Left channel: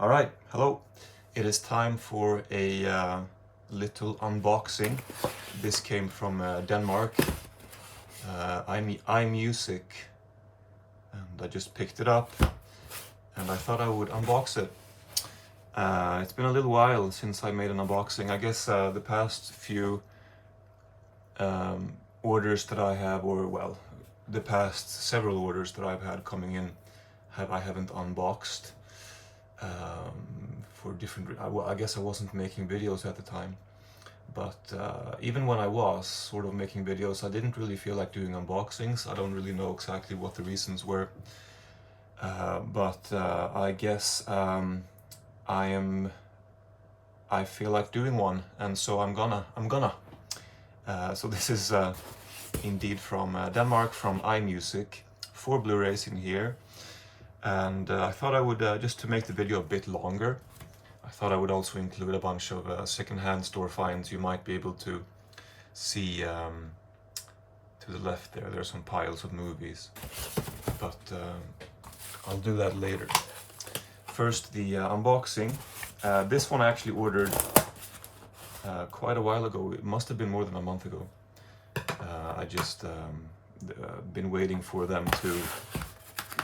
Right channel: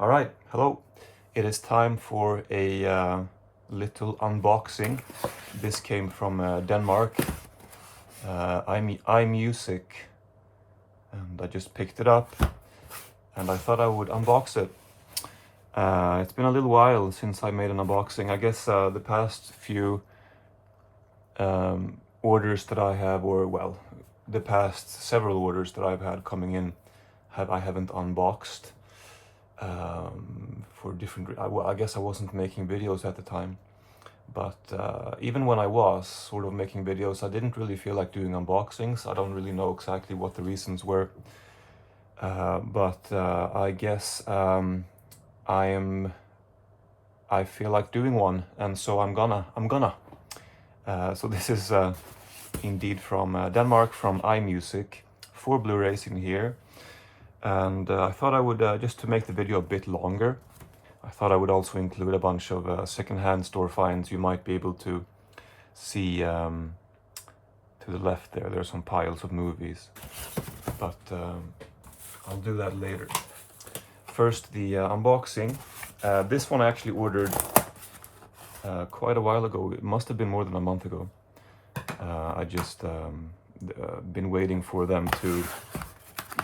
All right, hello. It is time for a little unboxing. This came from Denmark. iMusic, and I just picked it up, and I thought I would unbox it. It's been a little while since I made an unboxing. I guess the past few orders that I have, or well, the past several orders that I've had coming in, I haven't unboxed. For different, well, I guess I wasn't making videos at the time, but even when I was sort of making videos, I didn't really feel like doing unboxings. I don't really know exactly what the reasons were, but I guess I feel like doing one, and so I'm gonna. So this is indeed from Denmark, from iMusic, 4 Blu-rays in here. And I thought I would, just to make the video a bit longer, I thought I would also include a bunch of second-hand store finds. You might be able to see to the left there, there's some piles of movies, but I'll do that later. First, the unboxing. This one I actually ordered quite a while ago. It must have been more than a month ago. I just been waiting for them to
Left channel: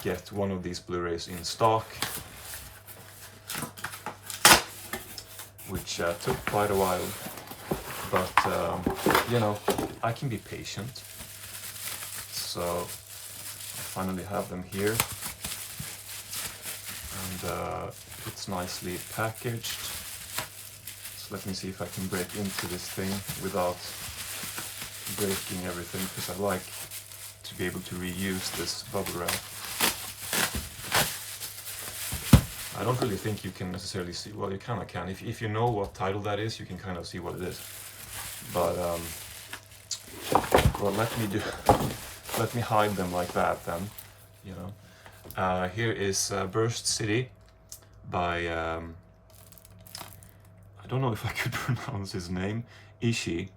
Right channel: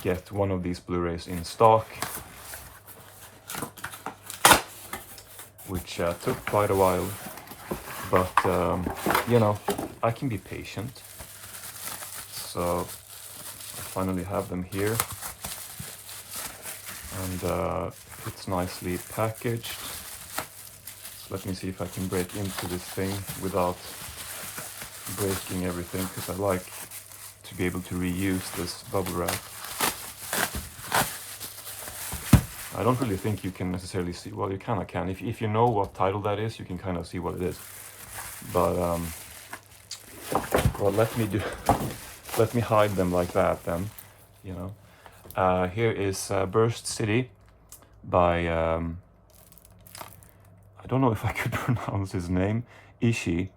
get one of these Blu-rays in stock, which took quite a while, but you know, I can be patient. So I finally have them here, and it's nicely packaged. So let me see if I can break into this thing without breaking everything, because I like to be able to reuse this bubble wrap. I don't really think you can necessarily see, well, you kind of can. If you know what title that is, you can kind of see what it is. But, well, let me hide them like that then, you know. Here is Burst City by, I don't know if I could pronounce his name, Ishi.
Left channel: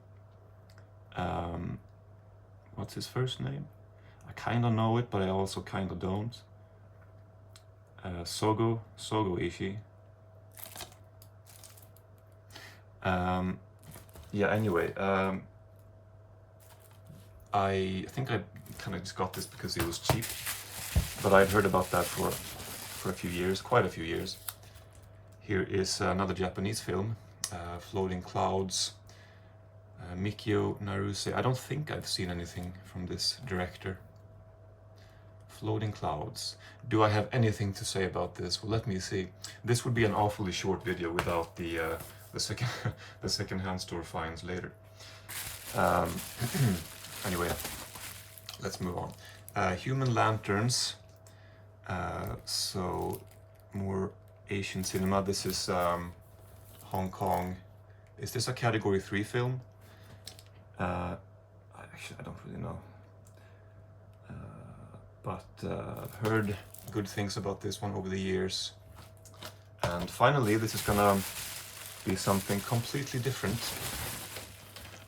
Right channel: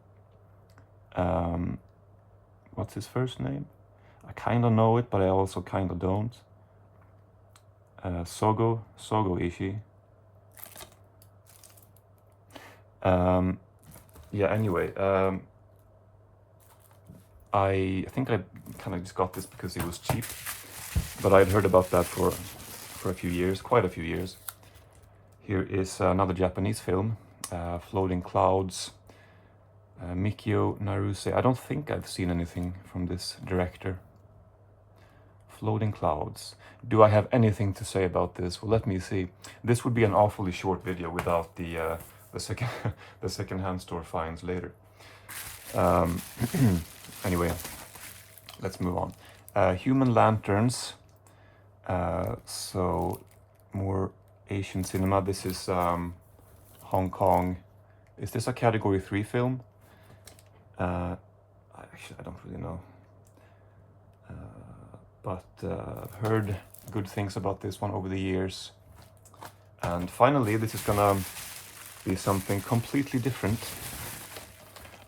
What's his first name? I kind of know it, but I also kind of don't. Sogo Ishii. Yeah, anyway, I think I kind of just got this because it was cheap, but I'd heard about that for a few years, quite a few years. Here is another Japanese film, Floating Clouds, Mikio Naruse. I don't think I've seen anything from this director. Floating Clouds. Do I have anything to say about this? Well, let me see. This would be an awfully short video without the second-hand store finds later. Anyway, let's move on. Human Lanterns. So more Asian cinema. This is Hong Kong. Is this a Category 3 film? Actually, I don't really know. But I've heard good things about this one over the years. And finally, this is gonna be something completely different.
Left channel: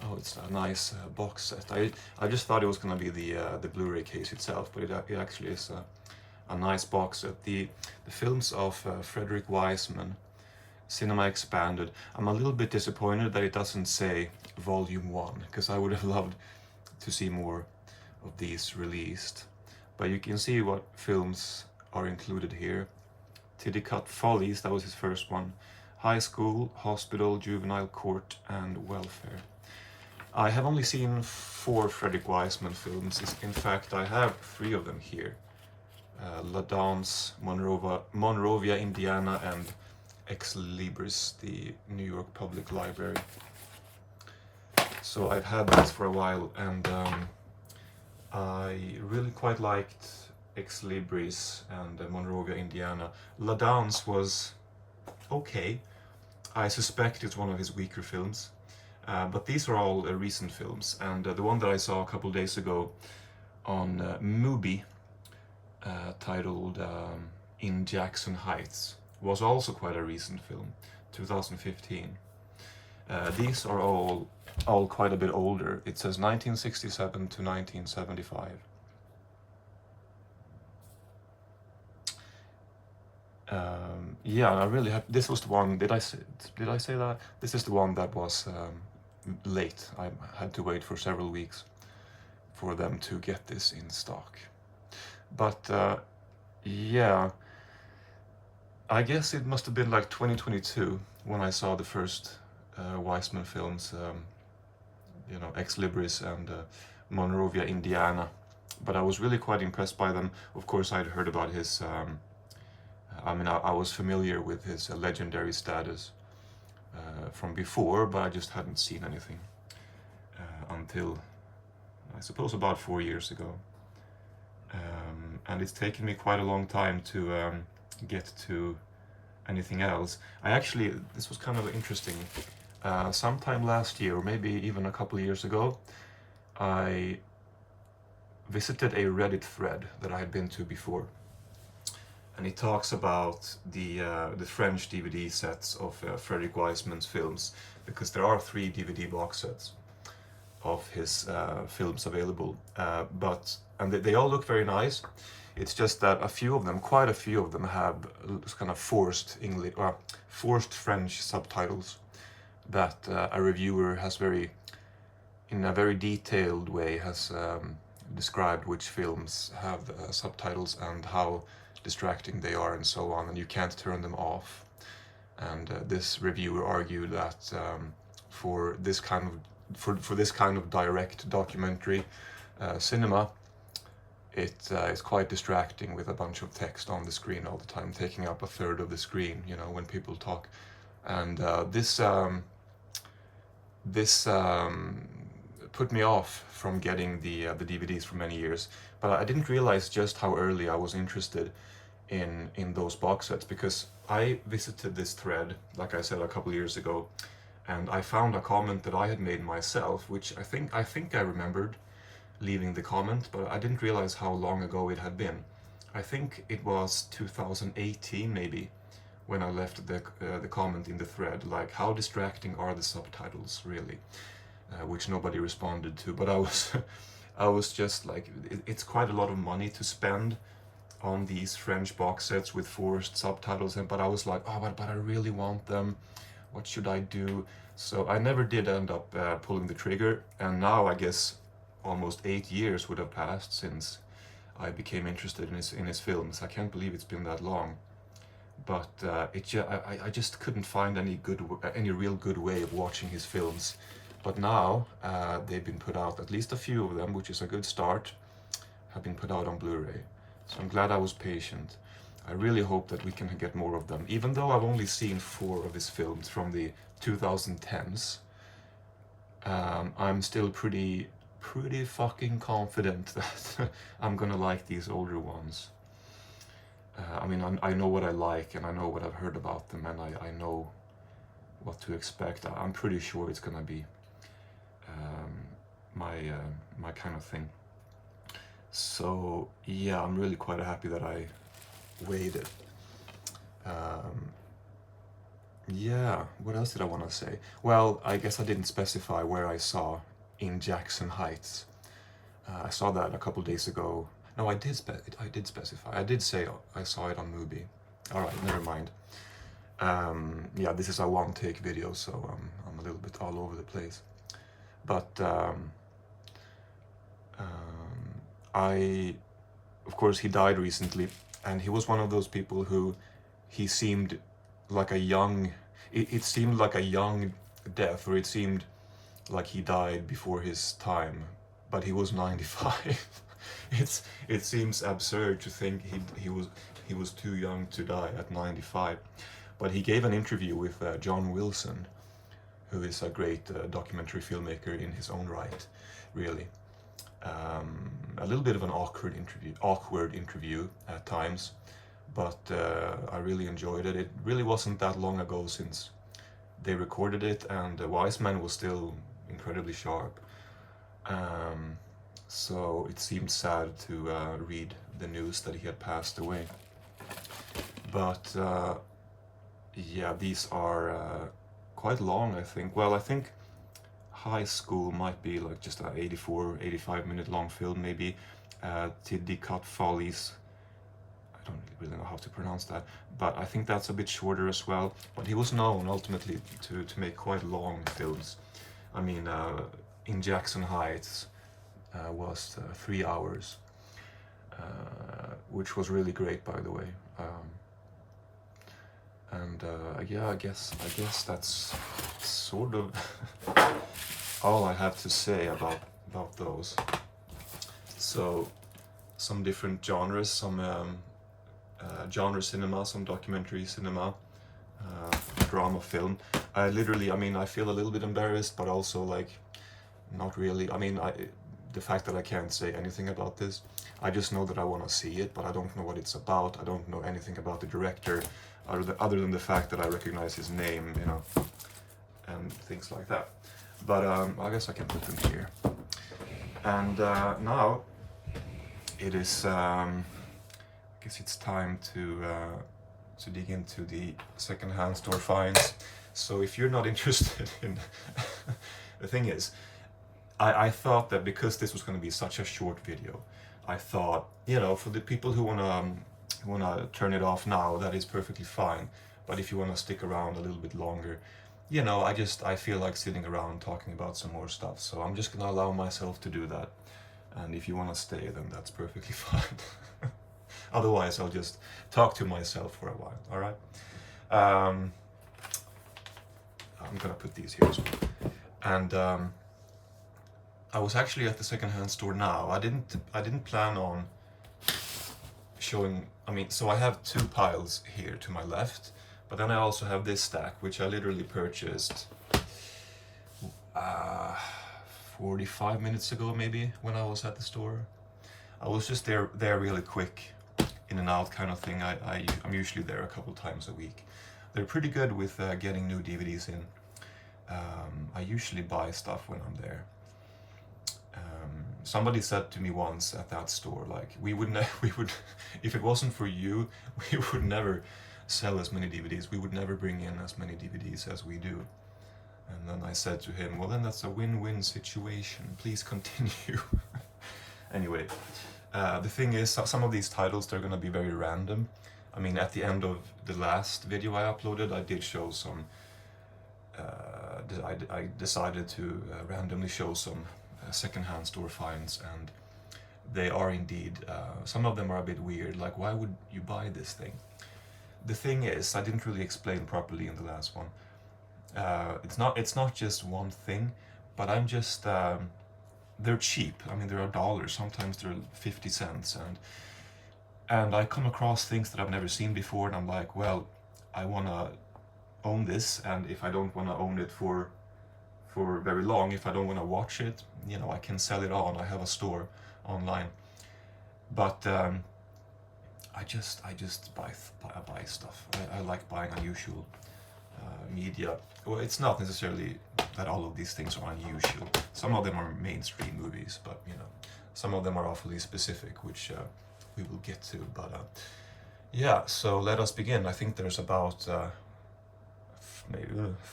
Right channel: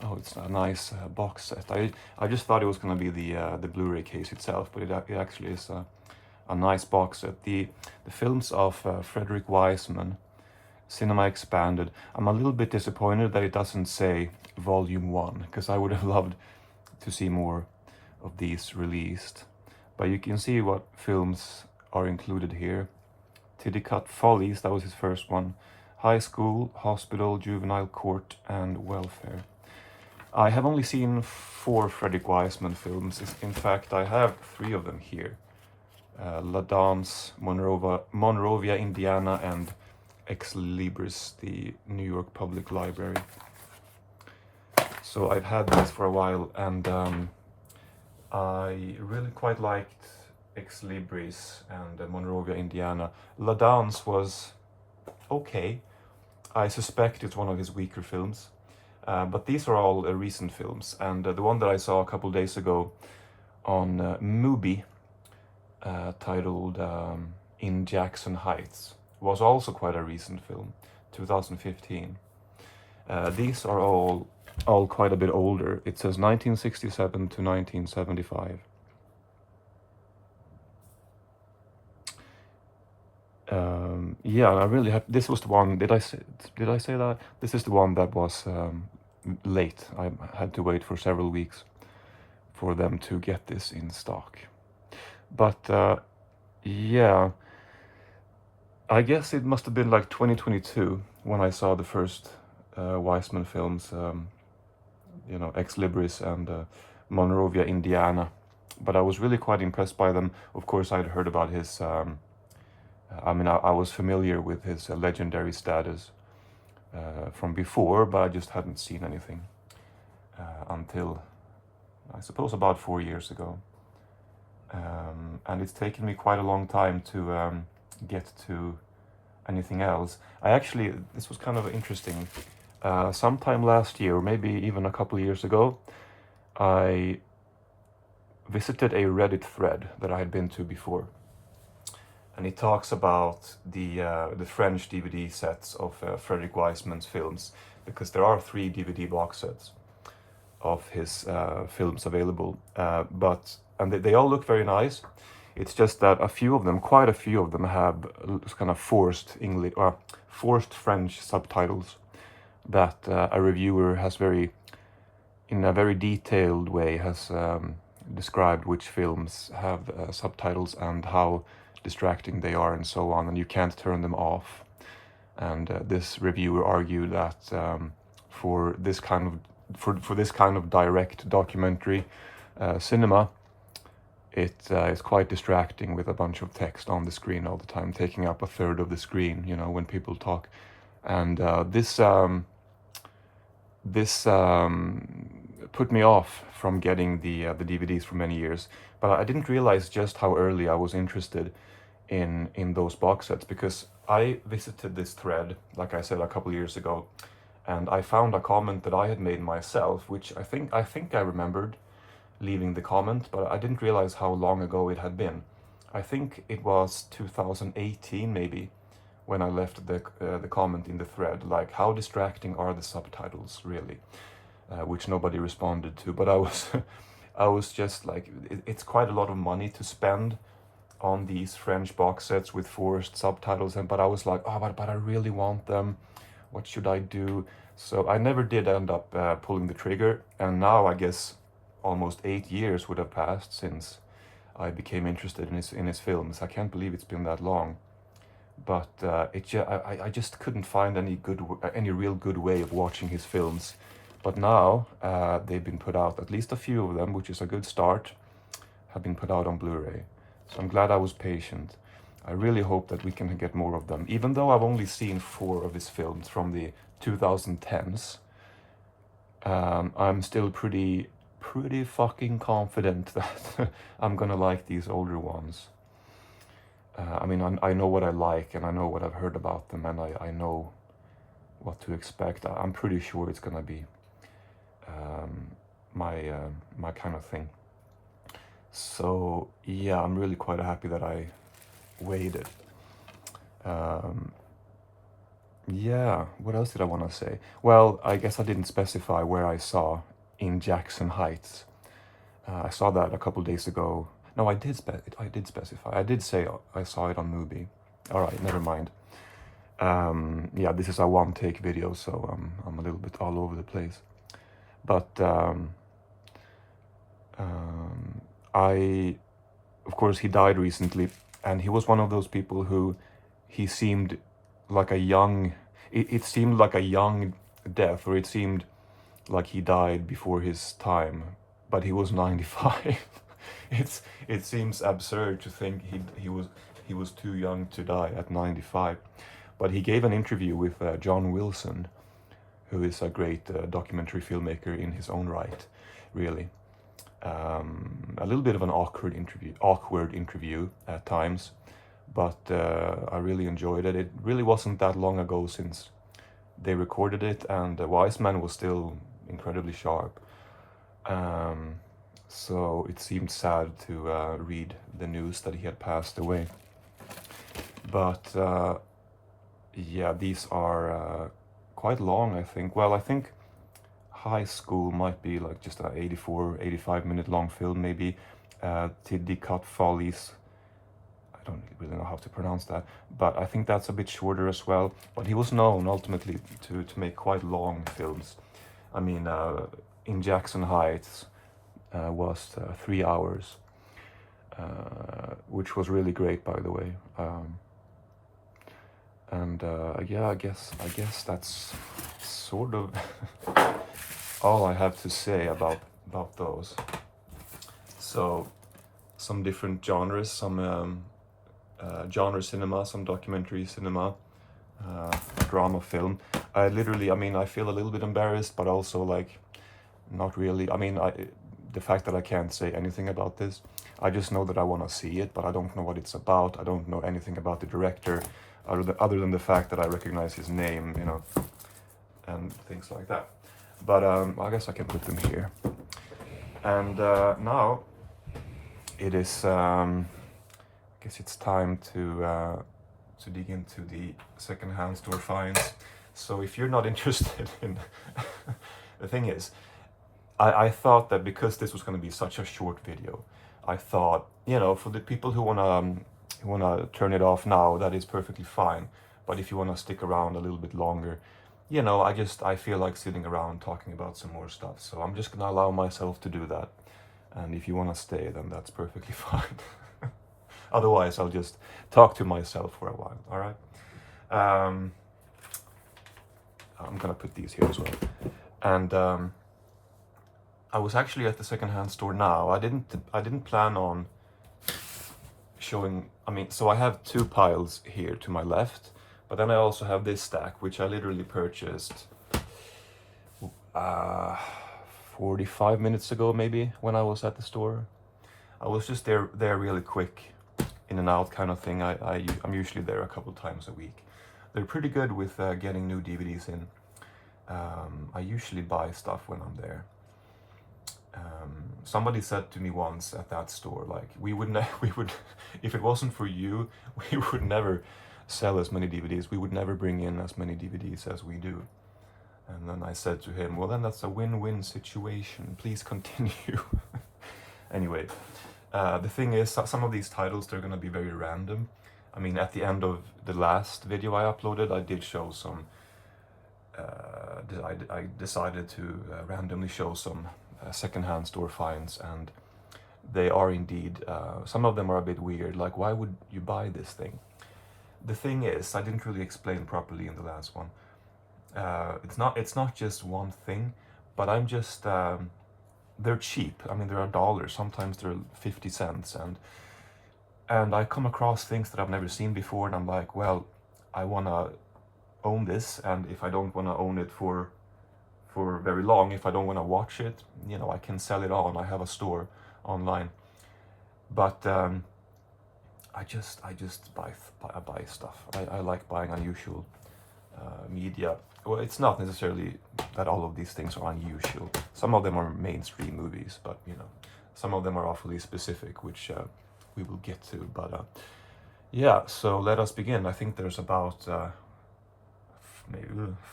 Oh, it's a nice box set. I just thought it was gonna be the Blu-ray case itself, but it actually is a nice box set. The films of Frederick Wiseman, Cinema Expanded. I'm a little bit disappointed that it doesn't say Volume 1, because I would have loved to see more of these released. But you can see what films are included here. Tiddycut Follies, that was his first one. High School, Hospital, Juvenile Court, and Welfare. I have only seen 4 Frederick Wiseman films. In fact, I have 3 of them here. La Danse, Monrovia, Indiana, and Ex Libris, the New York Public Library. So I've had this for a while, and I really quite liked Ex Libris and Monrovia, Indiana. La Danse was okay. I suspect it's one of his weaker films. But these are all recent films. And the one that I saw a couple days ago on Mubi, titled In Jackson Heights, was also quite a recent film, 2015. These are all quite a bit older. It says 1967 to 1975. yeah, I really have. This was the one. Did I say that? This is the one that was late. I had to wait for several weeks for them to get this in stock. But yeah, I guess it must have been like 2022 when I saw the first Weissman films, you know, Ex Libris and Monrovia, Indiana. But I was really quite impressed by them. Of course, I'd heard about his, I mean, I was familiar with his legendary status from before, but I just hadn't seen anything until, I suppose, about 4 years ago. And it's taken me quite a long time to get to anything else. This was kind of interesting. Sometime last year, or maybe even a couple of years ago, I visited a Reddit thread that I had been to before, and it talks about the French DVD sets of Frederick Wiseman's films, because there are 3 DVD box sets of his films available, and they all look very nice. It's just that quite a few of them, have kind of forced English or forced French subtitles that a reviewer has in a very detailed way, has described which films have subtitles and how distracting they are and so on, and you can't turn them off. And this reviewer argued that for this kind of direct documentary cinema, it is quite distracting with a bunch of text on the screen all the time, taking up a third of the screen, you know, when people talk. And this put me off from getting the DVDs for many years. But I didn't realize just how early I was interested in those box sets, because I visited this thread, like I said, a couple years ago, and I found a comment that I had made myself, which I think I remembered leaving the comment, but I didn't realize how long ago it had been. I think it was 2018 maybe, when I left the comment in the thread, like, how distracting are the subtitles really, which nobody responded to. But I was just like, it's quite a lot of money to spend on these French box sets with forced subtitles, but I was like, oh, but I really want them. What should I do? So I never did end up pulling the trigger, and now I guess almost 8 years would have passed since I became interested in his films. I can't believe it's been that long. But I just couldn't find any real good way of watching his films. But now they've been put out, at least a few of them, which is a good start, have been put out on Blu-ray. So I'm glad I was patient. I really hope that we can get more of them. Even though I've only seen 4 of his films from the 2010s, I'm still pretty fucking confident that I'm gonna like these older ones. I mean, I know what I like, and I know what I've heard about them, and I know what to expect. I'm pretty sure it's gonna be my kind of thing. So yeah, I'm really quite happy that I waited. Yeah, what else did I want to say? Well, I guess I didn't specify where I saw In Jackson Heights. I saw that a couple days ago. No, I did specify. I did say I saw it on Mubi. All right, never mind. Yeah, this is a one-take video, so I'm a little bit all over the place. But of course, he died recently, and he was one of those people who he seemed like a young. It seemed like a young death, or it seemed like he died before his time, but he was 95. It seems absurd to think he was too young to die at 95. But he gave an interview with John Wilson, who is a great documentary filmmaker in his own right, really. A little bit of an awkward interview at times, but I really enjoyed it. It really wasn't that long ago since they recorded it, and Wiseman was still incredibly sharp. So it seemed sad to read the news that he had passed away. But yeah, these are quite long, I think. Well, I think High School might be like just an 85 minute long film, maybe. Tiddy Cut Follies, I don't really know how to pronounce that, but I think that's a bit shorter as well. But he was known ultimately to make quite long films. I mean, in Jackson Heights was 3 hours, which was really great, by the way. Yeah, I guess that's sort of all I have to say about those. So, some different genres, some genre cinema, some documentary cinema, drama film. I mean, I feel a little bit embarrassed, but also like not really. I mean, the fact that I can't say anything about this, I just know that I want to see it, but I don't know what it's about. I don't know anything about the director, other than the fact that I recognize his name, you know, and things like that. But I guess I can put him here. And now it is, I guess it's time to dig into the secondhand store finds. So if you're not interested in, the thing is, I thought that because this was going to be such a short video, I thought, you know, for the people who wanna turn it off now, that is perfectly fine. But if you wanna stick around a little bit longer, you know, I feel like sitting around talking about some more stuff. So I'm just gonna allow myself to do that. And if you wanna stay, then that's perfectly fine. Otherwise, I'll just talk to myself for a while. All right. I'm gonna put these here as well. And I was actually at the secondhand store now. I didn't plan on showing. I mean, so I have two piles here to my left, but then I also have this stack, which I literally purchased 45 minutes ago, maybe, when I was at the store. I was just there really quick, in and out kind of thing. I'm usually there a couple times a week. They're pretty good with getting new DVDs in. I usually buy stuff when I'm there. Somebody said to me once at that store, like, we would if it wasn't for you, we would never sell as many DVDs. We would never bring in as many DVDs as we do. And then I said to him, well, then that's a win-win situation. Please continue. Anyway, the thing is, some of these titles, they're going to be very random. I mean, at the end of the last video I uploaded, I did show some, I decided to randomly show some secondhand store finds, and they are indeed, some of them are a bit weird, like, why would you buy this thing? The thing is, I didn't really explain properly in the last one. It's not just one thing, but I'm just, they're cheap. I mean, they're $1, sometimes they're 50 cents, and I come across things that I've never seen before, and I'm like, well, I want to own this, and if I don't want to own it for very long, if I don't want to watch it, you know, I can sell it on. I have a store online, but I just buy stuff. I like buying unusual media. Well, it's not necessarily that all of these things are unusual. Some of them are mainstream movies, but you know, some of them are awfully specific, which we will get to. But yeah, so let us begin. I think there's about maybe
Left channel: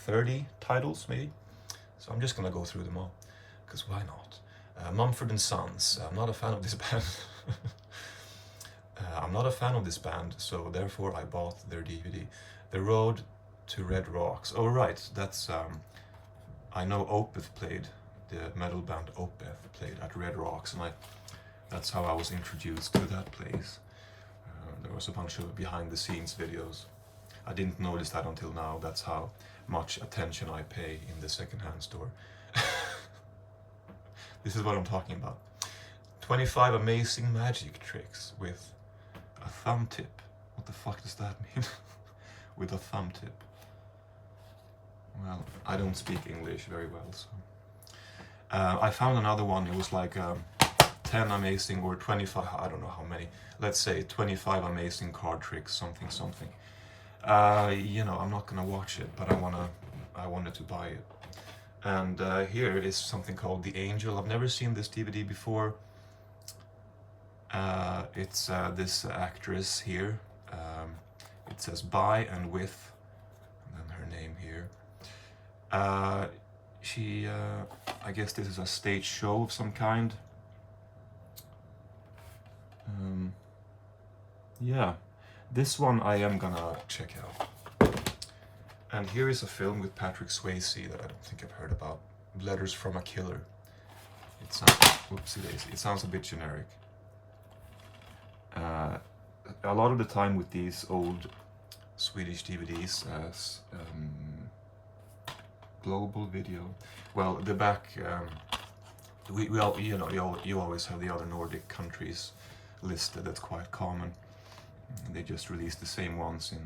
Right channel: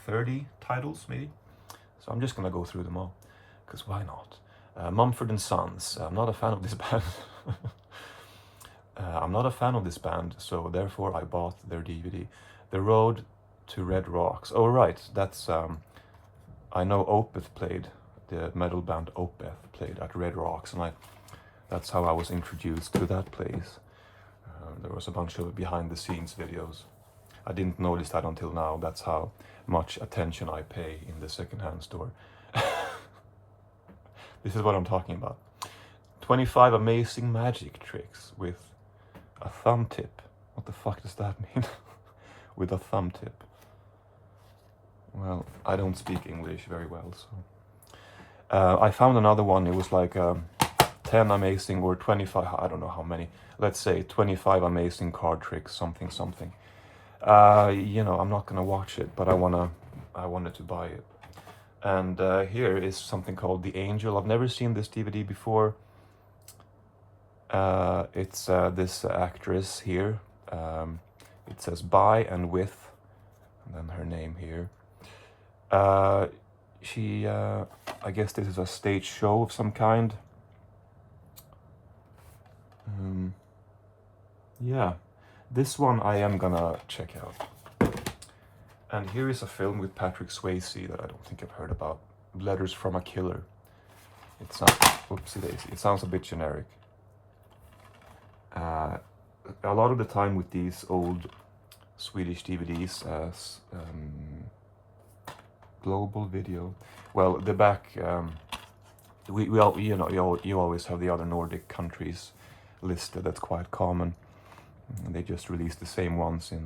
30 titles, maybe. So I'm just gonna go through them all, because why not? Mumford & Sons. I'm not a fan of this band. I'm not a fan of this band, so therefore I bought their DVD. The Road to Red Rocks. Oh right, that's I know Opeth played, the metal band Opeth played at Red Rocks, and that's how I was introduced to that place. There was a bunch of behind the scenes videos. I didn't notice that until now. That's how much attention I pay in the secondhand store. This is what I'm talking about. 25 amazing magic tricks with a thumb tip. What the fuck does that mean? With a thumb tip. Well, I don't speak English very well, so. I found another one. It was like 10 amazing, or 25, I don't know how many. Let's say 25 amazing card tricks, something. You know, I'm not gonna watch it, but I wanted to buy it. And here is something called The Angel. I've never seen this DVD before. It's this actress here. It says by and with, and then her name here. She, I guess this is a stage show of some kind. yeah, this one I am gonna check out. And here is a film with Patrick Swayze that I don't think I've heard about. Letters from a Killer. It sounds, oopsie daisy, it sounds a bit generic. A lot of the time with these old Swedish DVDs, global video. Well, the back, we all, you know, you always have the other Nordic countries listed. That's quite common. And they just release the same ones in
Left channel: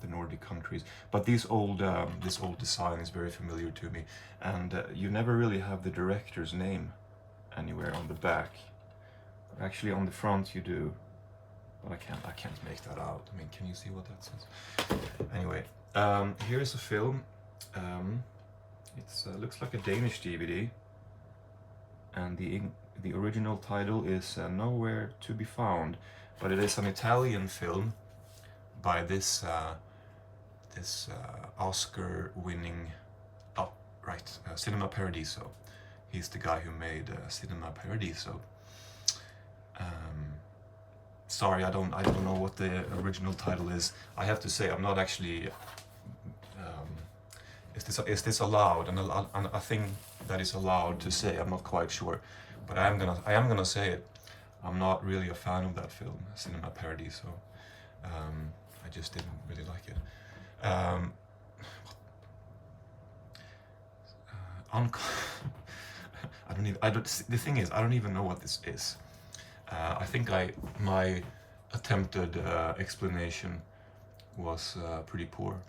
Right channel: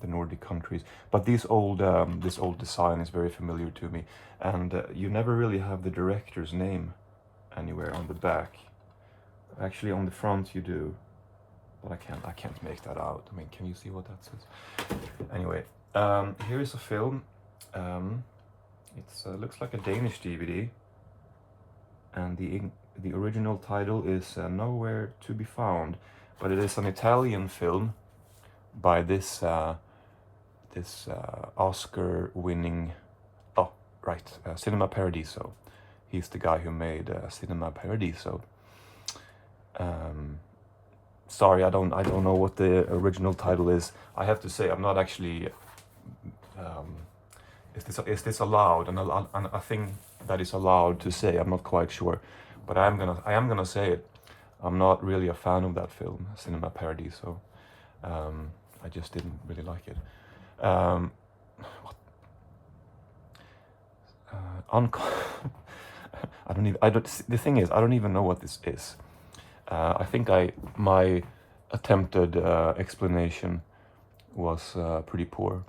the Nordic countries. But these old, this old design is very familiar to me, and you never really have the director's name anywhere on the back. Actually, on the front you do, but I can't make that out. I mean, can you see what that says? Anyway, here is a film. It looks like a Danish DVD, and the original title is Nowhere to be Found, but it is an Italian film by this Oscar-winning, Cinema Paradiso. He's the guy who made Cinema Paradiso. Sorry, I don't know what the original title is. I have to say, I'm not actually. Is this allowed? And a thing that is allowed to say, I'm not quite sure, but I am gonna say it. I'm not really a fan of that film, Cinema Paradiso. I just didn't really like it. The thing is, I don't even know what this is. I think my attempted explanation was pretty poor.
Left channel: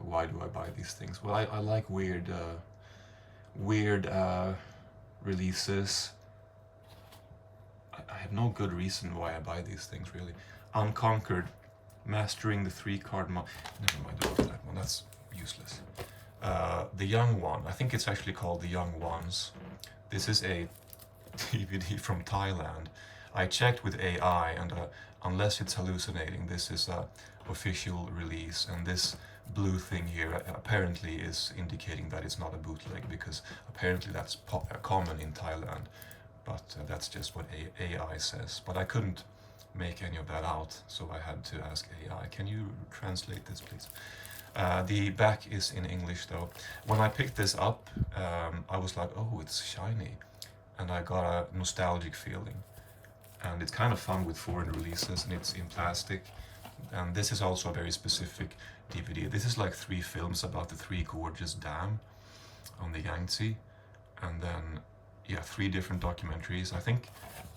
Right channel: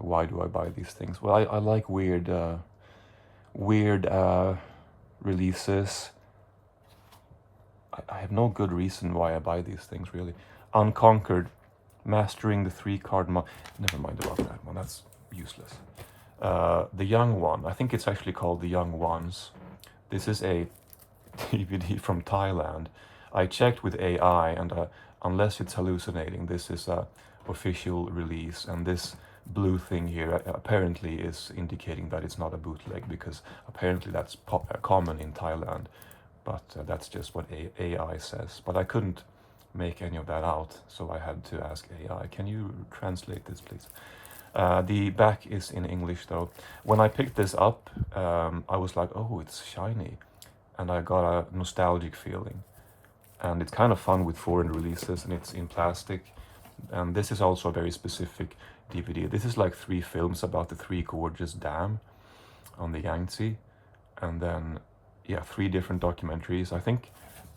Why do I buy these things? Well, I like weird releases. I have no good reason why I buy these things, really. Unconquered, mastering the 3-card never mind about that one, that's useless. The Young One, I think it's actually called The Young Ones. This is a DVD from Thailand. I checked with AI, and unless it's hallucinating, this is a official release, and this blue thing here apparently is indicating that it's not a bootleg, because apparently that's common in Thailand, but that's just what AI says. But I couldn't make any of that out, so I had to ask AI, can you translate this, please? The back is in English, though. When I picked this up, I was like, oh, it's shiny, and I got a nostalgic feeling. And it's kind of fun with foreign releases, and it's in plastic. And this is also a very specific DVD. This is like 3 films about the 3 gorgeous dam on the Yangtze, and then 3 different documentaries. I think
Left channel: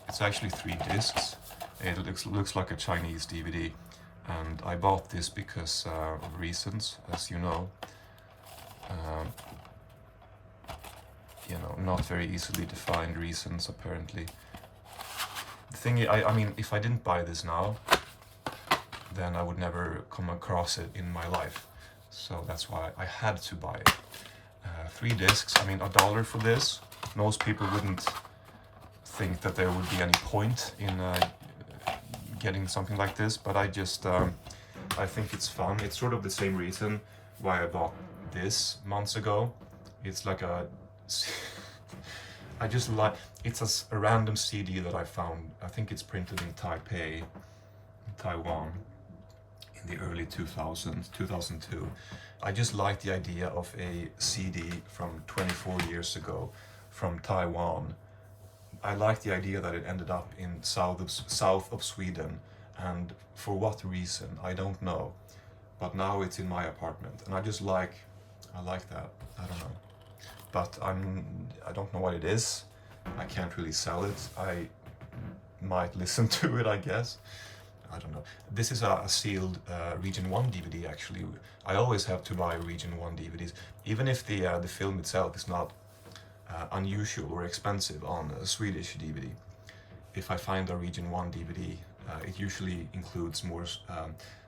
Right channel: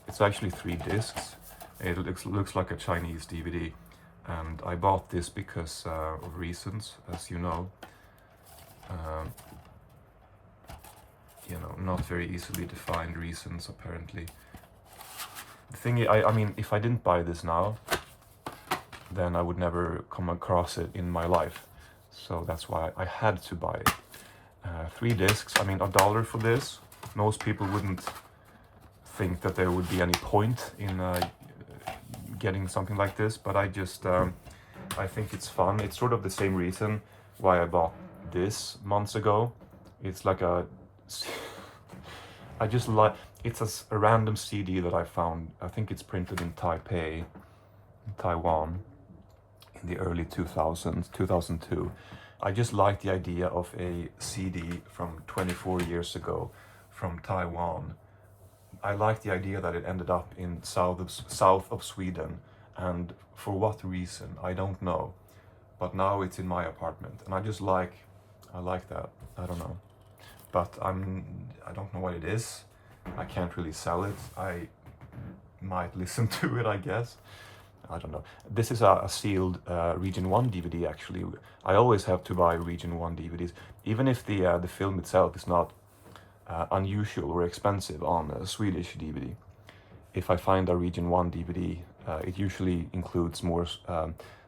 it's actually 3 discs. It looks like a Chinese DVD, and I bought this because of reasons, as you know. Not very easily defined reasons, apparently. The thing is, I mean, if I didn't buy this now, then I would never come across it in my life. So that's why I had to buy it. 3 discs, I mean, $1 for this. Most people wouldn't think that there would be any point in getting something like this, but I just, I think it's fun. It's sort of the same reason why I bought this months ago. It's like I just like, it's a random CD that I found. I think it's printed in Taipei, Taiwan, in the early 2000s, 2002. I just like the idea of a CD from 24 years ago from Taiwan. I like the idea that it ended up in south of Sweden, and for what reason, I don't know. But now it's in my apartment, and I like that. I don't know. But I don't know what it is. I can't really sell it. I might listen to it, I guess. I don't know. This is a sealed Region 1 DVD, actually. I always have to buy Region 1 DVDs, even if the film itself is not unusual or expensive on a Swedish DVD. If I find a Region 1 DVD, it usually includes more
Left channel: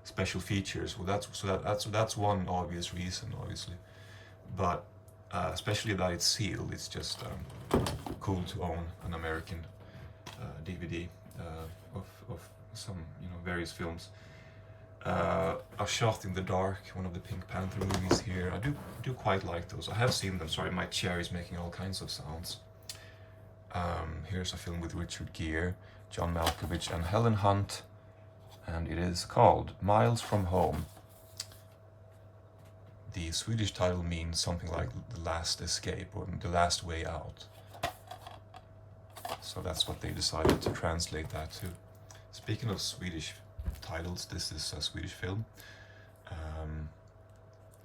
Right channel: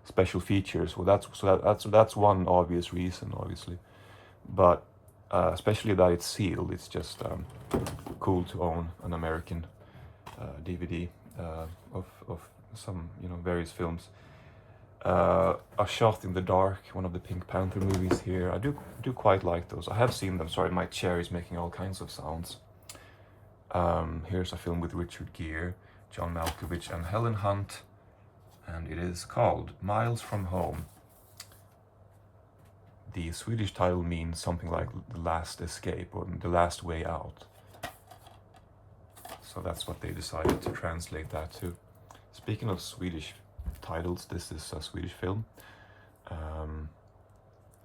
special features. Well, that's one obvious reason, obviously. But especially that it's sealed, it's just cool to own an American DVD of some, various films. A Shot in the Dark, one of the Pink Panther movies here. I do quite like those. I have seen them. Sorry, my chair is making all kinds of sounds. Here's a film with Richard Gere, John Malkovich, and Helen Hunt. and it is called Miles from Home. The Swedish title means something like The Last Escape or The Last Way Out. So that's what they decided to translate that to. Speaking of Swedish titles, this is a Swedish film.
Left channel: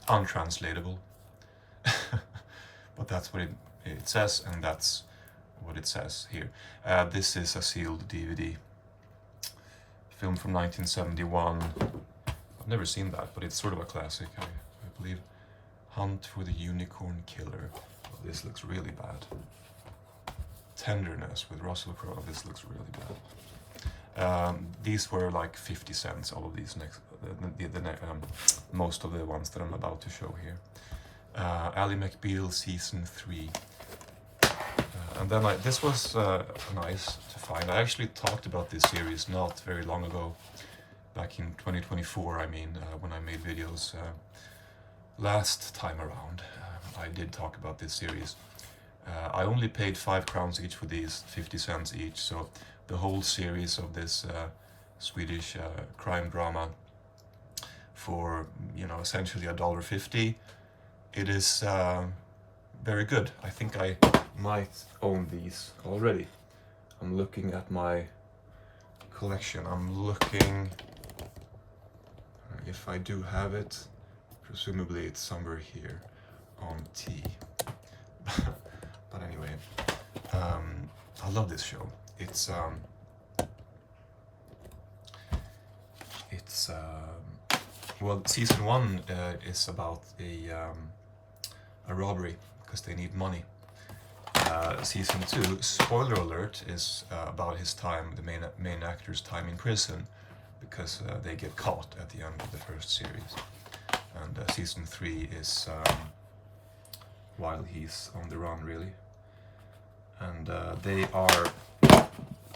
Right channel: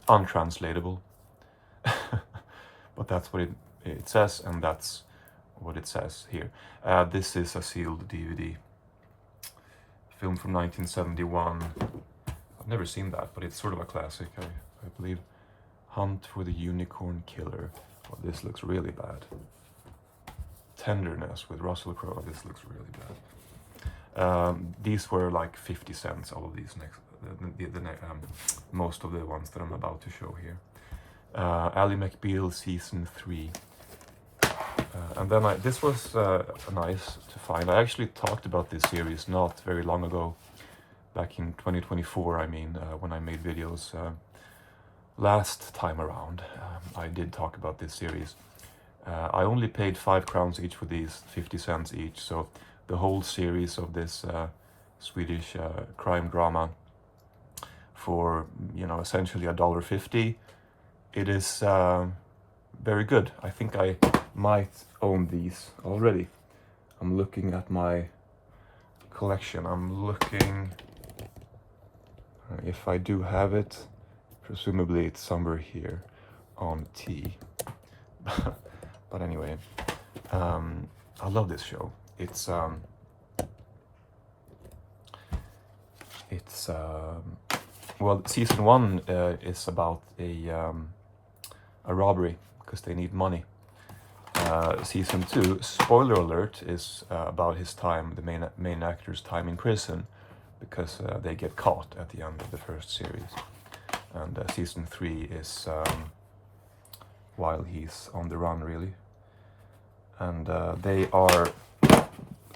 Untranslatable. But that's what it says, and that's what it says here. This is a sealed DVD. Film from 1971. I've never seen that, but it's sort of a classic, I believe. Hunt for the Unicorn Killer. Oh, this looks really bad. Tenderness with Russell Crowe. This looks really bad. These were like 50 cents, all of these most of the ones that I'm about to show here. Ally McBeal Season 3. And then this was nice to find. I actually talked about this series not very long ago, back in 2024, I mean, when I made videos last time around. I did talk about this series. I only paid 5 crowns each for these, 50 cents each, so the whole series of this Swedish crime drama for, you know, essentially $1.50. It is very good. I think I might own these already. I'm looking at my collection. I'm looking if I do have it. Presumably it's somewhere here on T. But anyway, I love this show. It's well, season 1 is about a robbery because they need money. Season 2, spoiler alert, is about his time, the main actor's time in prison, because they get caught at the end of the first series. And season 3 is while he's on the run, really. And they are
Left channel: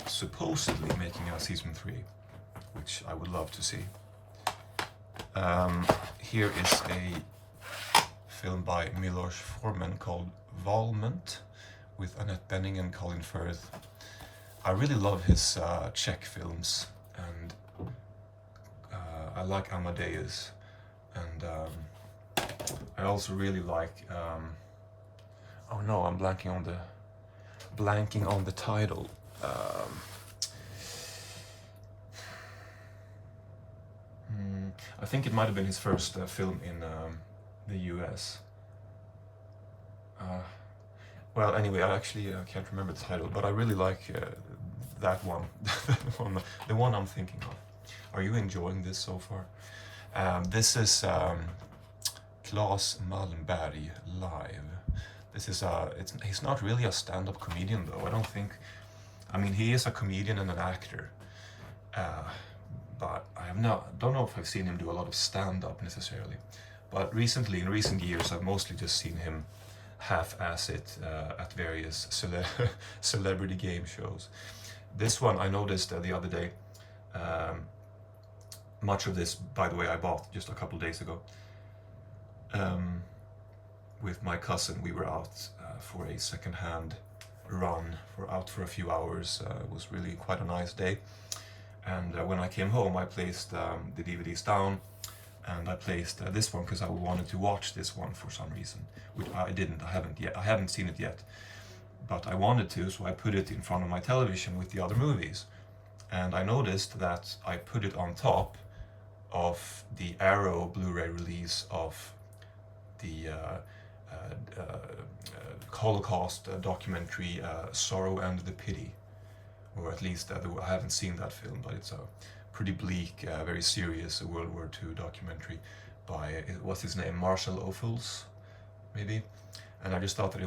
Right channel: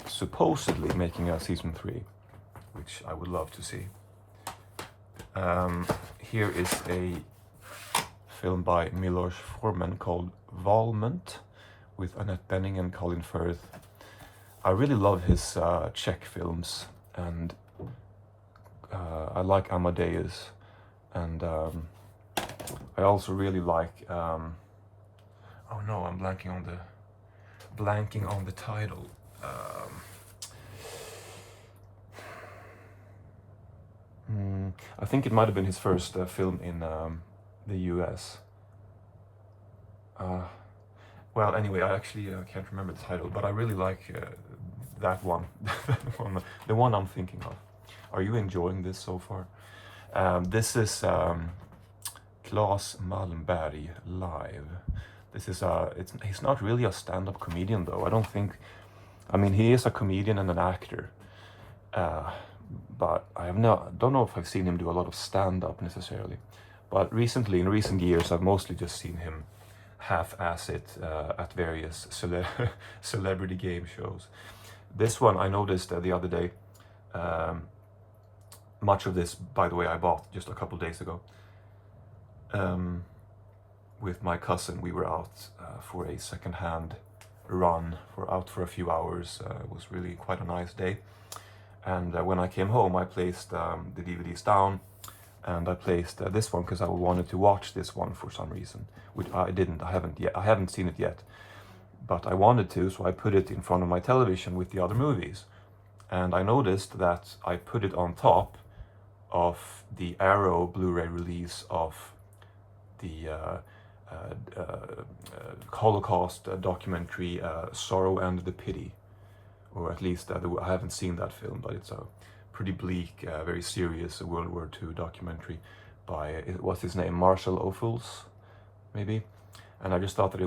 supposedly making a season 3, which I would love to see. Here is a film by Milos Forman called Valment, with Annette Bening and Colin Firth. I really love his Czech films, and I like Amadeus, and I also really like oh no, I'm blanking on the title. I think it might have been his first film in the US. Well, anyway, I actually can't remember the title, but I really like that one, the one I'm thinking of. Are you enjoying this so far? This is Claes Malmberg live. This is he's not really a stand-up comedian though. I don't think. I mean, he is a comedian and an actor, but don't know if I've seen him do a lot of stand-up necessarily. But recently, in recent years, I've mostly just seen him half-ass it at various celebrity game shows. This one I noticed the other day. Much of this, by the way, I bought just a couple days ago. With my cousin, we were out for a second-hand run, out for a few hours. It was really quite a nice day. And when I came home, I placed the DVDs down, and I placed this one because I wanted to watch this one for some reason, which I didn't. I haven't seen it yet, but I wanted to, so I put it in front of my television with the other movies, and I noticed that I put it on top of the Arrow Blu-ray release of the Holocaust documentary Sorrow and the Pity, or at least I haven't seen that film, but it's a pretty bleak, very serious World War II documentary by, what's his name, Marshall Ophuls, maybe. And I just thought that it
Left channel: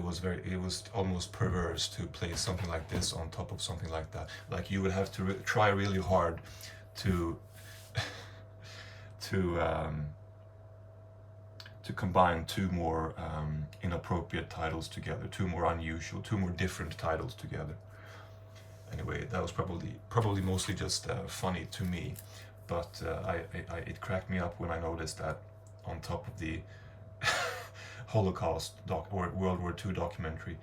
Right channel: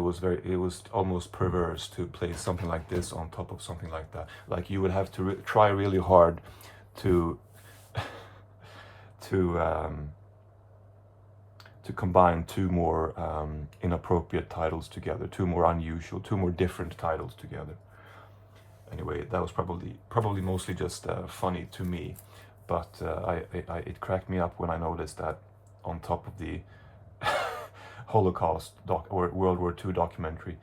was almost perverse to place something like this on top of something like that. Like, you would have to try really hard to combine two more inappropriate titles together, two more unusual, two more different titles together. Anyway, that was probably mostly just funny to me, but it cracked me up when I noticed that on top of the Holocaust or World War II documentary,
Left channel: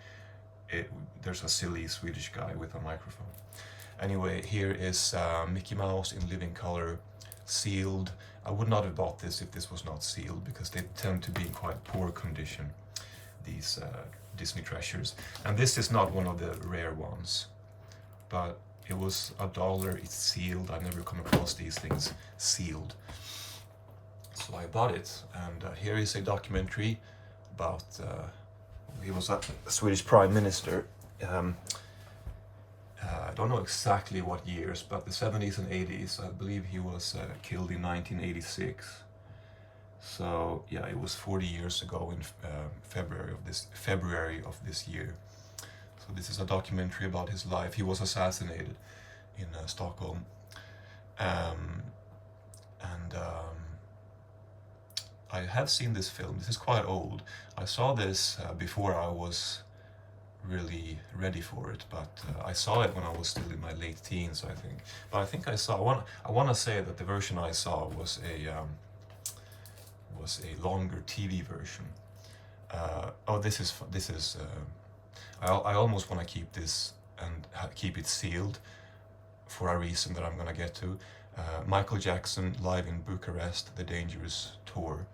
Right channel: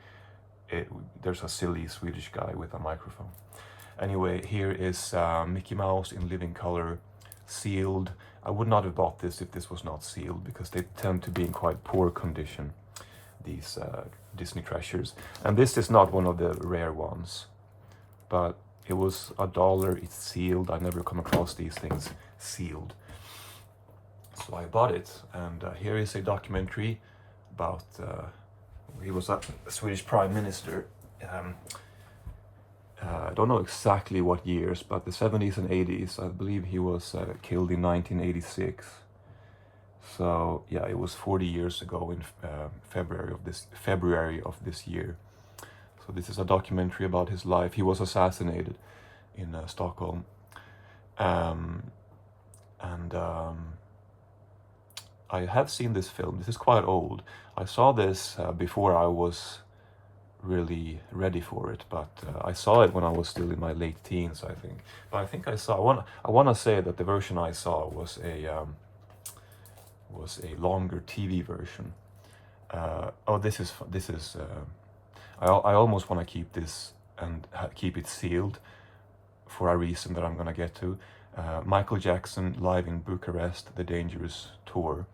there's a silly Swedish guy with a microphone. Anyway, here is Mickey Mouse in living color. sealed. I would not have bought this if this was not sealed, because they tend to be in quite poor condition, these Disney treasures. And this is not one of the rare ones, but it was $1. It's sealed. I never come across these things sealed, so I bought it. And here is a documentary about he was a Swedish prime minister. I don't know exactly what years, but the 70s and 80s. I believe he was killed in 1986. So yeah, it was 40 years ago in February of this year. So this is a documentary about his life. He was assassinated in Stockholm, I have seen this film. This is quite old. I saw this before I was really ready for it, but I saw it when I was still in my late teens, I think. But I think I want to say that the version I saw was a longer TV version. Oh, this is I almost want to keep this and keep it sealed for a reason that I'm gonna get to. Michael Jackson live in Bucharest, the Dangerous Tour.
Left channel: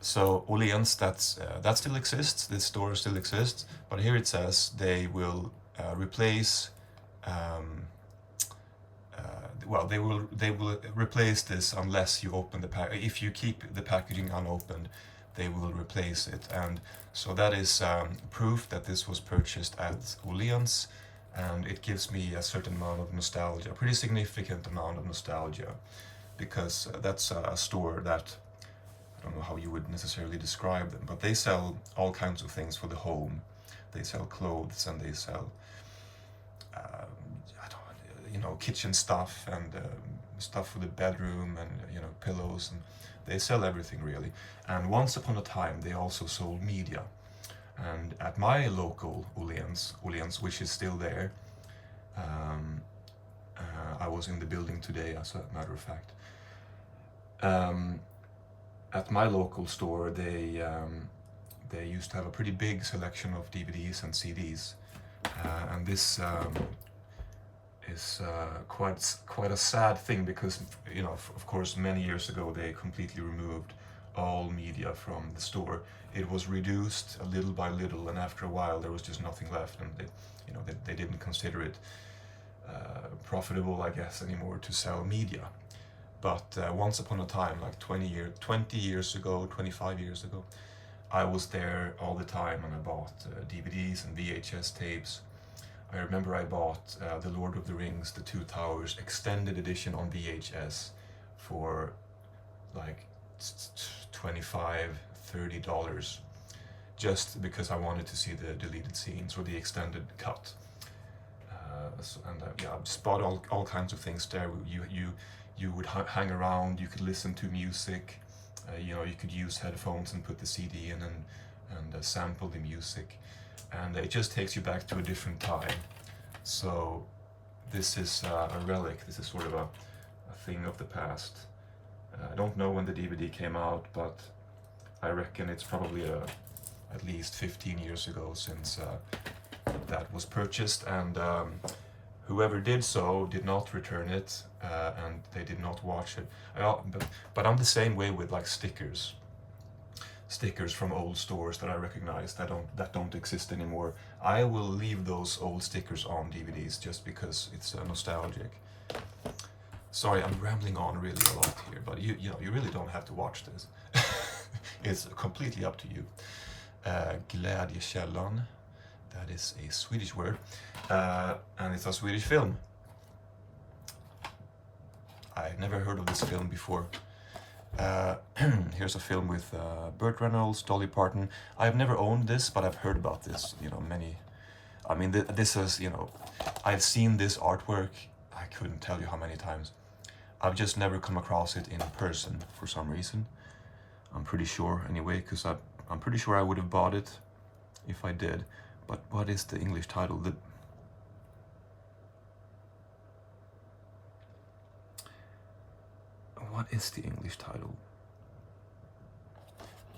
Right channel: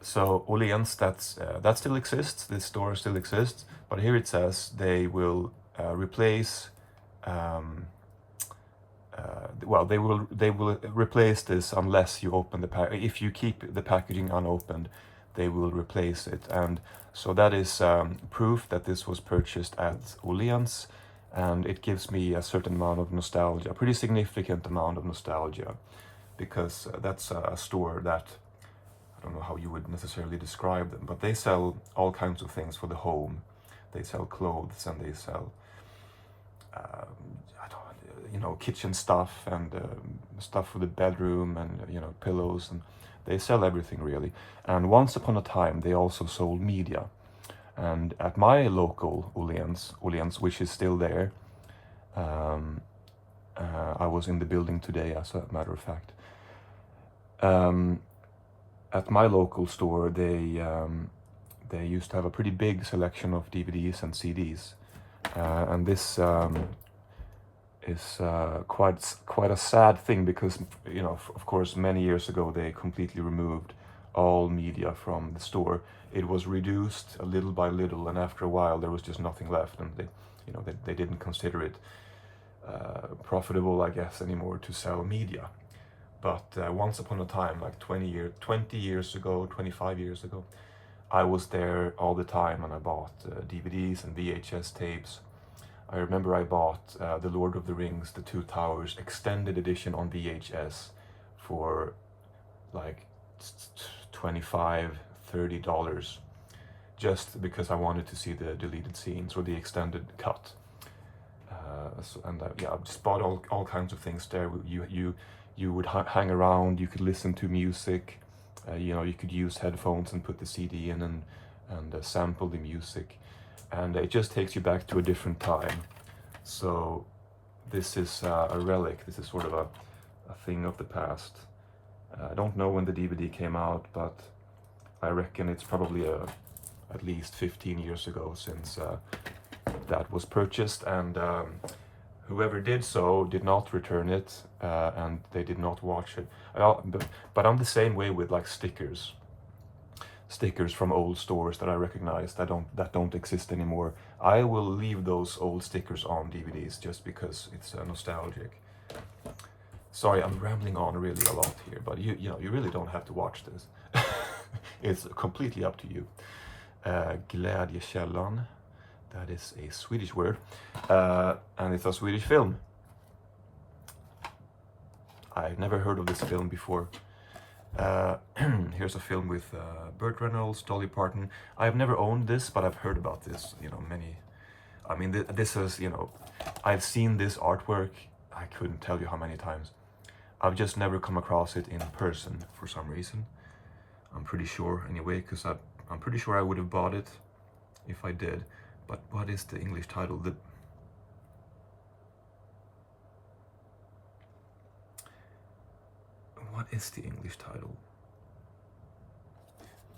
So Åhléns, that still exists. This store still exists, but here it says they will replace. Well, they will replace this unless you open the pack. If you keep the packaging unopened, they will replace it. And so that is proof that this was purchased at Åhléns, and it gives me a certain amount of nostalgia, a pretty significant amount of nostalgia, because that's a store that, I don't know how you would necessarily describe them, but they sell all kinds of things for the home. They sell clothes, and they sell kitchen stuff, and stuff for the bedroom, and pillows, and they sell everything really. And once upon a time they also sold media, and at my local Åhléns, which is still there, I was in the building today, as a matter of fact. At my local store, they used to have a pretty big selection of DVDs and CDs, and this is quite a sad thing, because of course many years ago they completely removed all media from the store. It was reduced little by little, and after a while there was just nothing left, and they didn't consider it profitable, I guess, anymore to sell media. But once upon a time, like 20 years ago, 25 years ago, I was there all the time, and I bought DVDs and VHS tapes. I remember I bought The Lord of the Rings, The Two Towers extended edition on VHS for like $25-30, just because I wanted to see the deleted scenes or the extended cut. I just bought all kinds of things there. You would hang around, you could listen to music, you could use headphones and put the CD in and sample the music, and it just takes you back to a different time. So this is a relic. This is sort of a thing of the past. I don't know when the DVD came out, but I reckon it's probably at least 15 years ago since that was purchased, and whoever did so did not return it, and they did not watch it. But I'm the same way with like stickers from old stores that I recognize that don't exist anymore. I will leave those old stickers on DVDs just because it's nostalgic. Sorry, I'm rambling on really a lot here, but you really don't have to watch this. It's completely up to you. Glädjekällan, that is a Swedish word, and it's a Swedish film. I've never heard of this film before. Here's a film with Burt Reynolds, Dolly Parton. I've never owned this, but I've heard about this. This is, I've seen this artwork, I couldn't tell you how many times. I've just never come across it in person for some reason. I'm pretty sure anyway, because I'm pretty sure I would have bought it if I did. But what is the English title? What is the English title?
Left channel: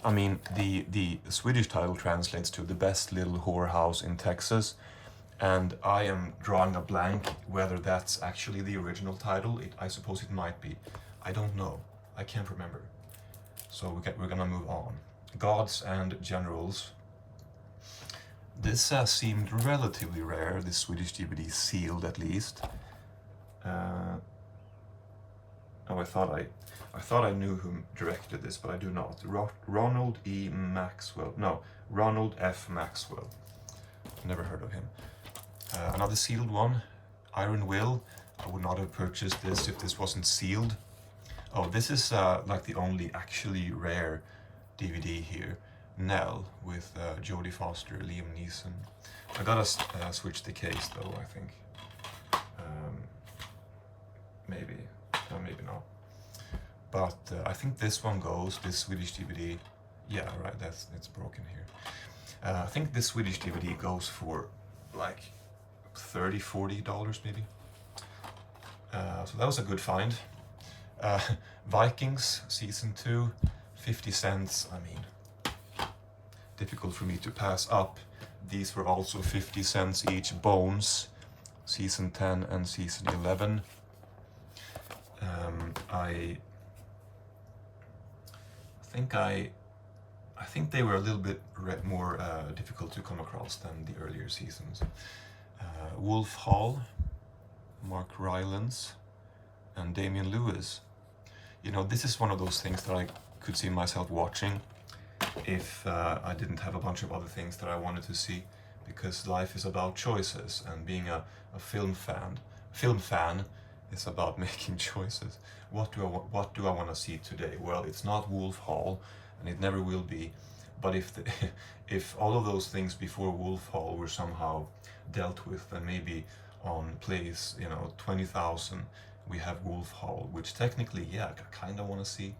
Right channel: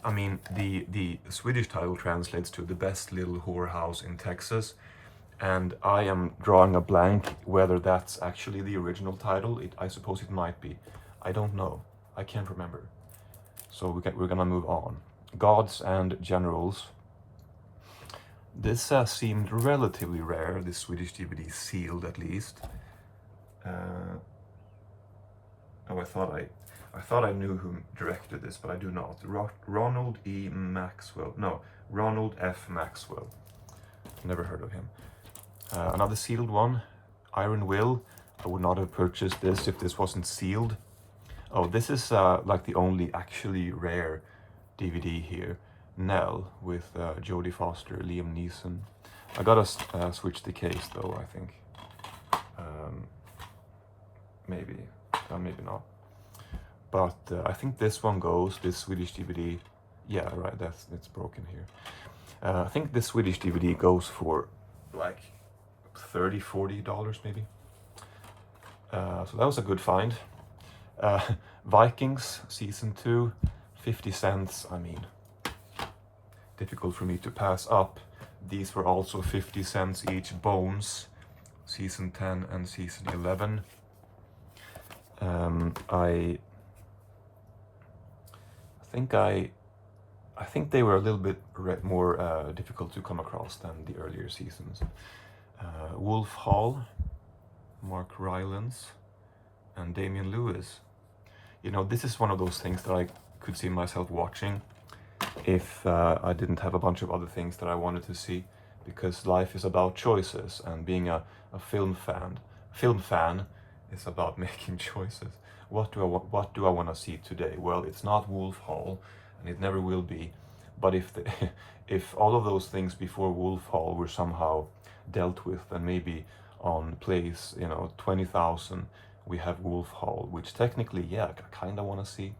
I mean, the Swedish title translates to The Best Little Whorehouse in Texas, and I am drawing a blank whether that's actually the original title. I suppose it might be. I don't know. I can't remember. So we're gonna move on. Gods and Generals. This seemed relatively rare, this Swedish DVD, sealed at least. Oh, I thought I knew who directed this, but I do not. Ronald F. Maxwell. Never heard of him. Another sealed one, Iron Will. I would not have purchased this if this wasn't sealed. Oh, this is like the only actually rare DVD here. Nell with Jodie Foster, Liam Neeson. I gotta switch the case though, I think. Maybe, no, maybe not. But I think this one goes, this Swedish DVD. Yeah, right, it's broken here. I think this Swedish DVD goes for like $30-40 maybe. So that was a good find. Vikings season 2, 50 cents. I mean, difficult for me to pass up. These were also 50 cents each. Bones, season 10 and season 11. I think they were a little bit more difficult to come across than the earlier seasons. Wolf Hall, Mark Rylance, and Damian Lewis. You know, this is one of those things that I could see myself watching if I didn't have a bunch of other things that I wanted to see, because life is about choices, and being a film fan is about making choices. What do I want to see today? Well, it's not Wolf Hall, and it never will be. But if all of those things before Wolf Hall were somehow dealt with, then maybe on place, 20,000, we have Wolf Hall, which technically, yeah, I kind of want to see,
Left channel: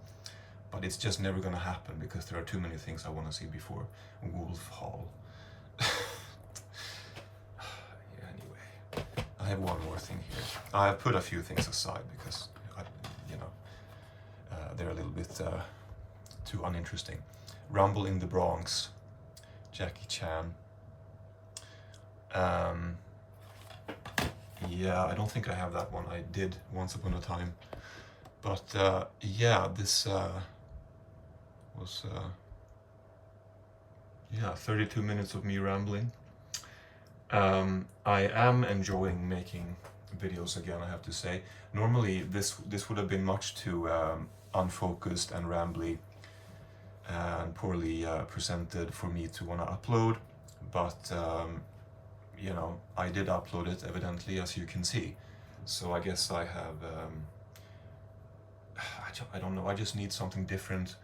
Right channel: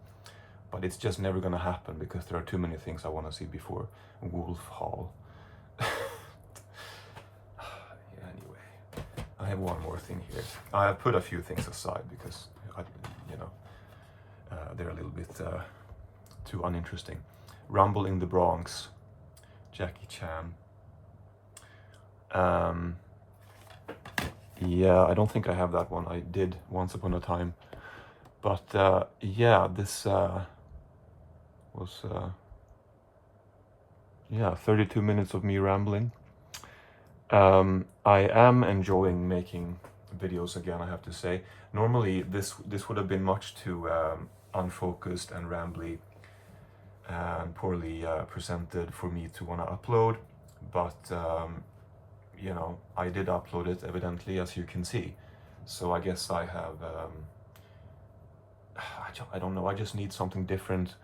but it's just never going to happen because there are too many things I want to see before Wolf Hall. Anyway, I have one more thing here. I have put a few things aside because they're a little bit too uninteresting. Rumble in the Bronx, Jackie Chan. Yeah, I don't think I have that one. I did once upon a time, but yeah, this was 32 minutes of me rambling. I am enjoying making videos again, I have to say. Normally this would have been much too unfocused and rambly and poorly presented for me to want to upload, but I did upload it, evidently, as you can see. So I guess I have I don't know, I just need something different.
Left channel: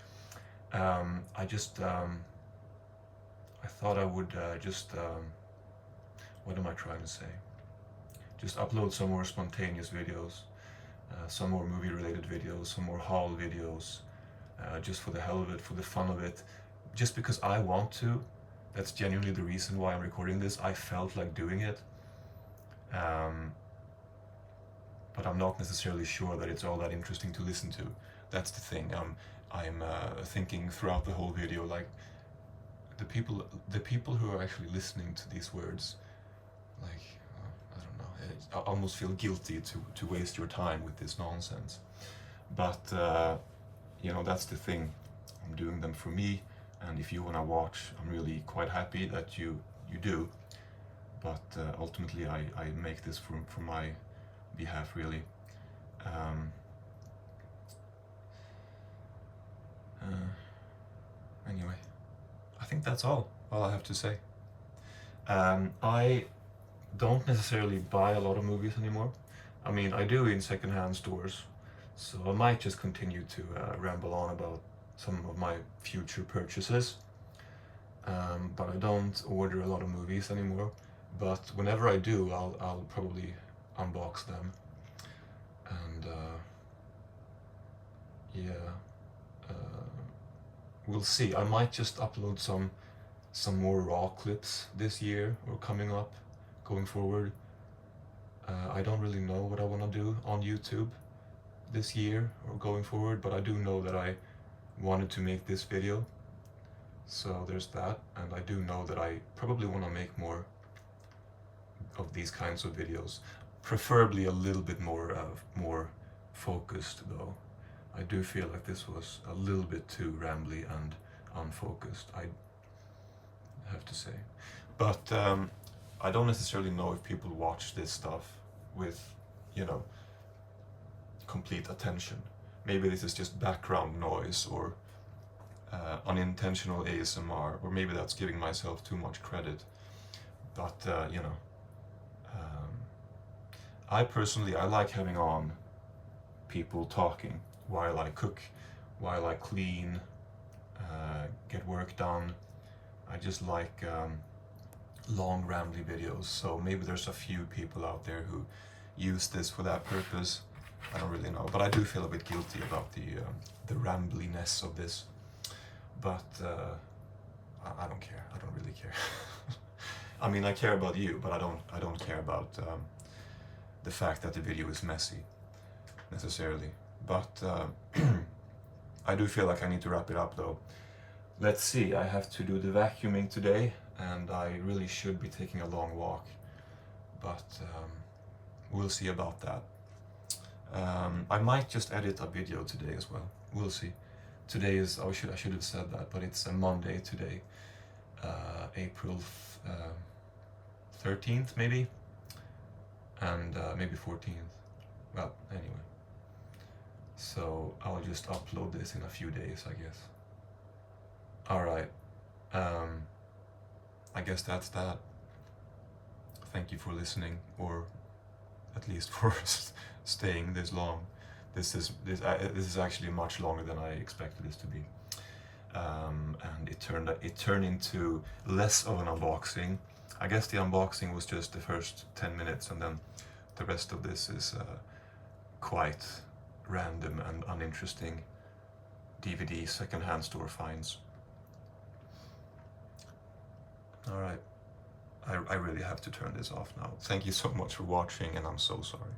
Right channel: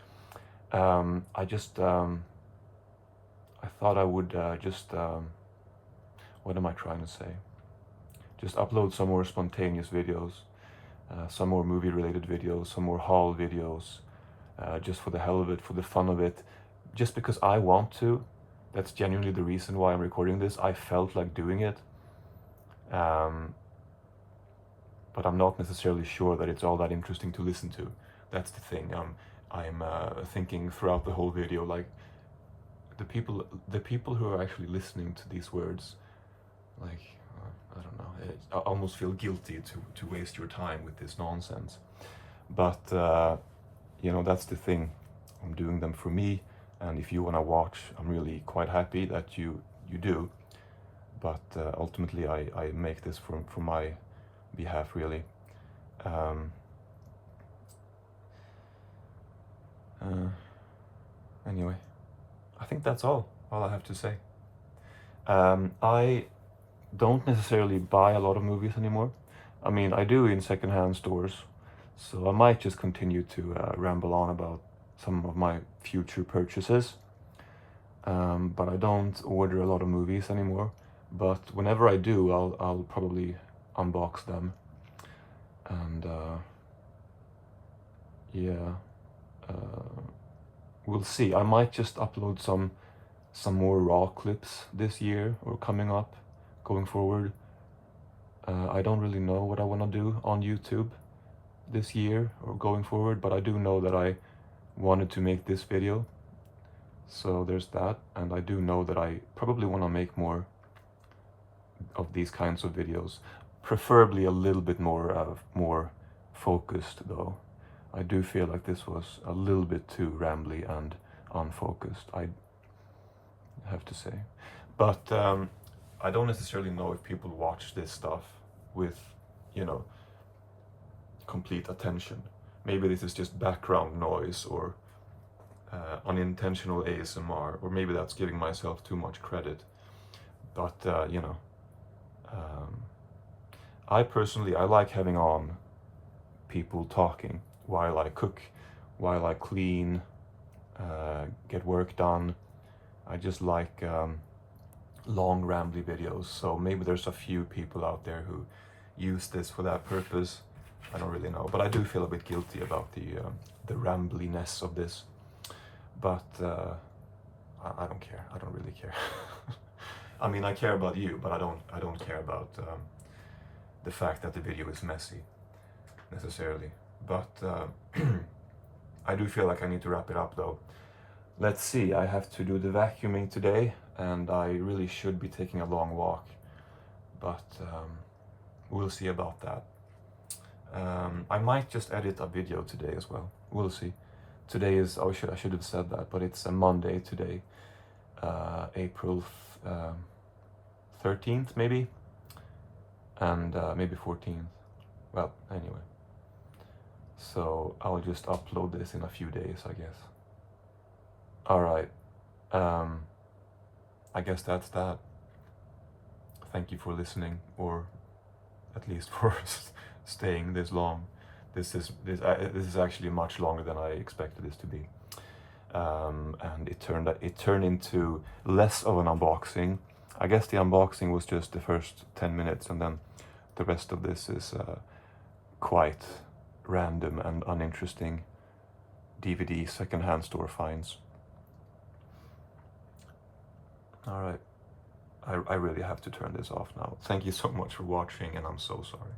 I thought I would what am I trying to say? Just upload some more spontaneous videos, some more movie related videos, some more haul videos, just for the hell of it, for the fun of it, just because I want to. That's genuinely the reason why I'm recording this. I felt like doing it, but I'm not necessarily sure that it's all that interesting to listen to. That's the thing. I'm thinking throughout the whole video, like the people who are actually listening to these words, like I don't know, I almost feel guilty to waste your time with this nonsense. But that's the thing. I'm doing them for me. And if you want to watch, I'm really quite happy that you do. But ultimately, I make this for my behalf, really. Anyway, I think that's all I have to say. I don't necessarily buy a lot of movies anymore. I mean, I do in secondhand stores, so I might just continue to ramble on about some of my future purchases, but I don't order a lot of movies anymore. But whenever I do, I'll probably unbox them, and we'll see. I might just upload some more raw clips this year or coming up, going forward. I don't really know what I want to do on YouTube this year or going forward, but I do know that I wanted to make this video, so there's that. And I do know that I probably want to make more of these kinds of videos. Preferably a little bit more focused though. I do feel like this was a little bit too rambly and unfocused, I have to say. But I don't necessarily know if people watch this stuff with, you know, complete attention. Maybe this is just background noise or unintentional ASMR, or maybe that's giving myself too much credit. But you know, I personally, I like having on people talking while I cook, while I clean, get work done. I just like long rambly videos, so maybe there's a few people out there who use this for that purpose. I don't really know, but I do feel a bit guilty about the rambliness of this. But I don't care. I don't really care. I mean, I care about you, but I don't care about the fact that the video is messy necessarily. But I do feel like I need to wrap it up though. Let's see, I have to do the vacuuming today, and I really should be taking a long walk, but we'll see about that. I might just edit a video today as well. We'll see. Today is, oh, I should have said that, but it's a Monday today, April 13th maybe, and maybe 14th. Well, anyway. So I'll just upload this in a few days, I guess. Alright, I guess that's that. Thank you for listening, or at least for staying this long. This is actually much longer than I expected this to be, and it turned into less of an unboxing. I guess the unboxing was just the first 10 minutes, and then the rest of this is quite random and uninteresting DVD secondhand store finds. Alright, I really have to turn this off now. Thank you so much for watching, and I'm so sorry.